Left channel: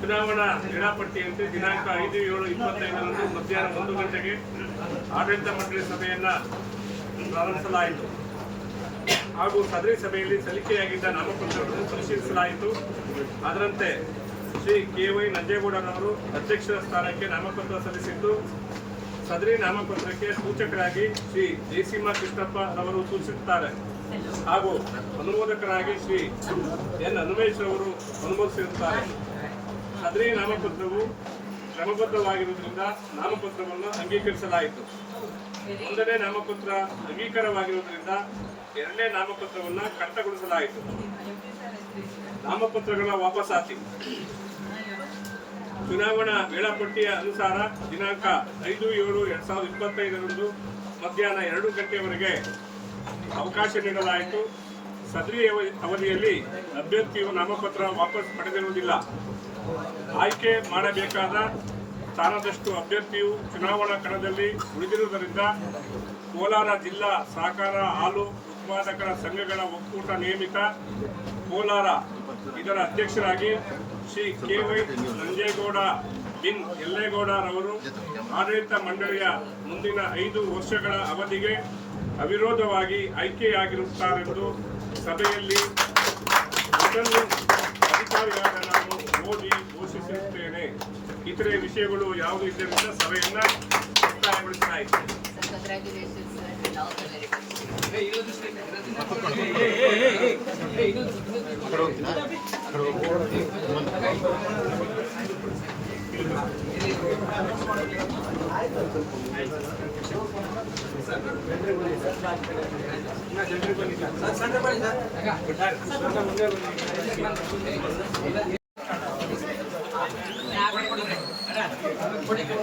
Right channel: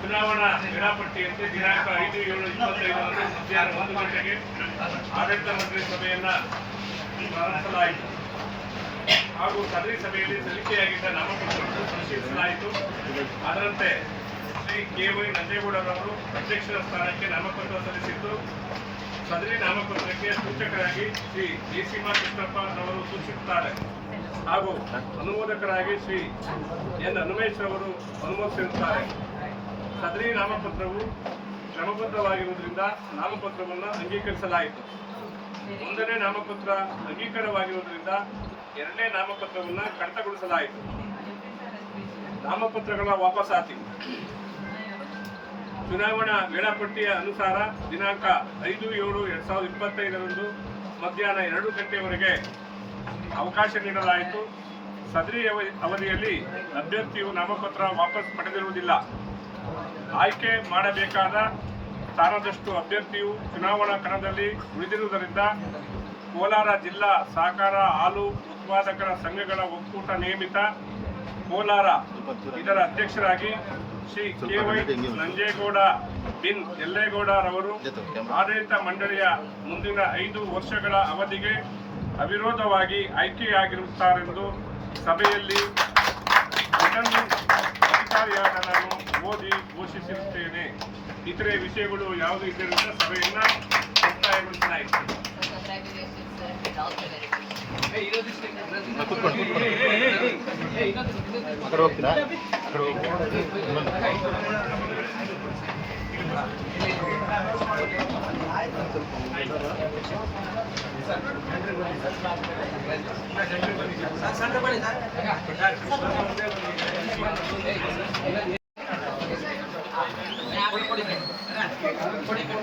ಚುನಾವಣಾ ವೇಳಾಪಟ್ಟಿಯಂತೆ ದಿನಾಂಕ ಐದು, ಏಳು, ಇಪ್ಪತ್ತೈದರಂದು ಮಧ್ಯಾಹ್ನ ಒಂದು ಗಂಟೆಗೆ ಆಡಳಿತ ಮಂಡಳಿ ಸಭೆಯನ್ನ ಪ್ರಾರಂಭಿಸಲಾಯಿತು. ಹಾಗೂ ಸದರಿ ಸಭೆಯಲ್ಲಿ ಸಲ್ಲಿಕೆಯಾಗಿದ್ದ ನಾಮಪತ್ರವನ್ನು ಪರಿಶೀಲಿಸಲಾಯಿತು. ಅದರಂತೆ ಶ್ರೀ ಕೆ ವೈ ನಂಜೇಗೌಡರವರು ಅಧ್ಯಕ್ಷರ ಸ್ಥಾನಕ್ಕೆ ನಾಮಪತ್ರ ಸಲ್ಲಿಸಿದ್ದು ಸದರಿ ನಾಮಪತ್ರಕ್ಕೆ ಸೂಚಕರಾಗಿ ಶ್ರೀ ಜಯಸೀಮಾ ಕೃಷ್ಣಪ್ಪ ಅವರು ಸೂಚಿಸುತ್ತಾರೆ. ಹಾಗೂ ಅನುಮೋದಕರಾಗಿ ಶ್ರೀ ಎನ್ ಹನುಮೇಶ್ ಅವರು ಅನುಮೋದಿಸಿರುತ್ತಾರೆ. ಸದರಿ ನಾಮಪತ್ರವು ಕ್ರಮಬದ್ಧವಾಗಿರುವುದರಿಂದ ನಾಮಪತ್ರವನ್ನು ಅಂಗೀಕರಿಸಲಾಯಿತು. ಒಂದನೇ ನಾಮಪತ್ರ ಅಂಗೀಕಾರವಾಗಿರುವುದರಿಂದ ಎರಡನೇ ನಾಮಪತ್ರವನ್ನು ಕಡಿತಗೊಳಿಸಲಾಯಿತು. ನಾಮಪತ್ರಗಳ ವಾಪಸಾತಿ. ಚುನಾವಣಾ ವೇಳಾಪಟ್ಟಿಯ ಅನುಸಾರ ದಿನಾಂಕ ಐದು ಏಳು ಎರಡ್ ಸಾವಿರದ ಇಪ್ಪತ್ತೈದರಂದು ಮಧ್ಯಾಹ್ನ ಎರಡು ಗಂಟೆವರೆಗೆ ಅವಕಾಶ ನೀಡಲಾಯಿತು. ಸದರಿ ಅವಧಿ- ಅವಧಿಯಲ್ಲಿ ಅಭ್ಯರ್ಥಿಯು ನಾಮಪತ್ರ ವಾಪಸ್ ಪಡೆದಿರುವುದಿಲ್ಲ. ಆಯ್ಕೆ ಮಾಡಬೇಕಾದ ಸ್ಥಾನದಷ್ಟು ಅಭ್ಯರ್ಥಿಯು ಚುನಾವಣಾ ಕಣದಲ್ಲಿ ಉಳಿದಿರುವುದರಿಂದ ಕೋಲಾರ ಜಿಲ್ಲಾ ಸಹಕಾರ ಹಾಲು ಉತ್ಪಾದಕರ ಸಂಘಗಳ ಒಕ್ಕೂಟ ನೇಮಿತ ಕೋಲಾರ ಇದರ ಅಧ್ಯಕ್ಷರಾಗಿ ಶ್ರೀ ಕೆ ವೈ ನಂಜೇಗೌಡ ಬಿನ್ ಯಲ್ಲೇಗೌಡರವರು ಆಡಳಿತ ಮಂಡಳಿಯ ಮುಂದಿನ ಐದು ವರ್ಷಗಳ ಅವಧಿಗೆ ಅವಿರೋಧವಾಗಿ ಆಯ್ಕೆಯಾಗಿರುತ್ತಾರೆಂದು ಸಭೆಯಲ್ಲಿ ರಿಟರ್ನಿಂಗ್ ಅಧಿಕಾರಿಯಾದ ನಾನು ಓದಿ ಘೋಷಿಸಿರುತ್ತೇನೆ. ಇತರೆ ವಿಷಯಗಳು ಯಾವುದು ಇದ್ದರಿಂದ ಸಭೆಯನ್ನ ಮುಕ್ತಾಯಗೊಳಿಸಲಾಯಿತು ಕರುಕ್ನ ಕರುಕ್ನ ಇಲ್ಲಿ ಕಣ ಇಲ್ಲಿ ಇಲ್ಲಿ ನಾನು ನೋಟ್ ಮಾಡ್ಕಲೇ ಆಯ್ತು ಐದು ನಿಮಿಷ ಇಸಕ್ ಮೆಟ್ರೋನಲ್ಲಿ ಸರ್ ಮಾತಾಡಕ್ಕೆ ರೈಲ್ವೆಗೆ ಹೋಗ್ತೀನಿ ಸರ್ ಜೊತೆನಲ್ಲಿ ಸರ್ ಬಡಾರ ಕೊಡ್ತಾರೆ ಎಲ್ಲ ಏನು ಅಂತಾ ಆ ಕಡಿ ಕಡಿ ಅಂತಾ ಕಡಿ ಕಡಿ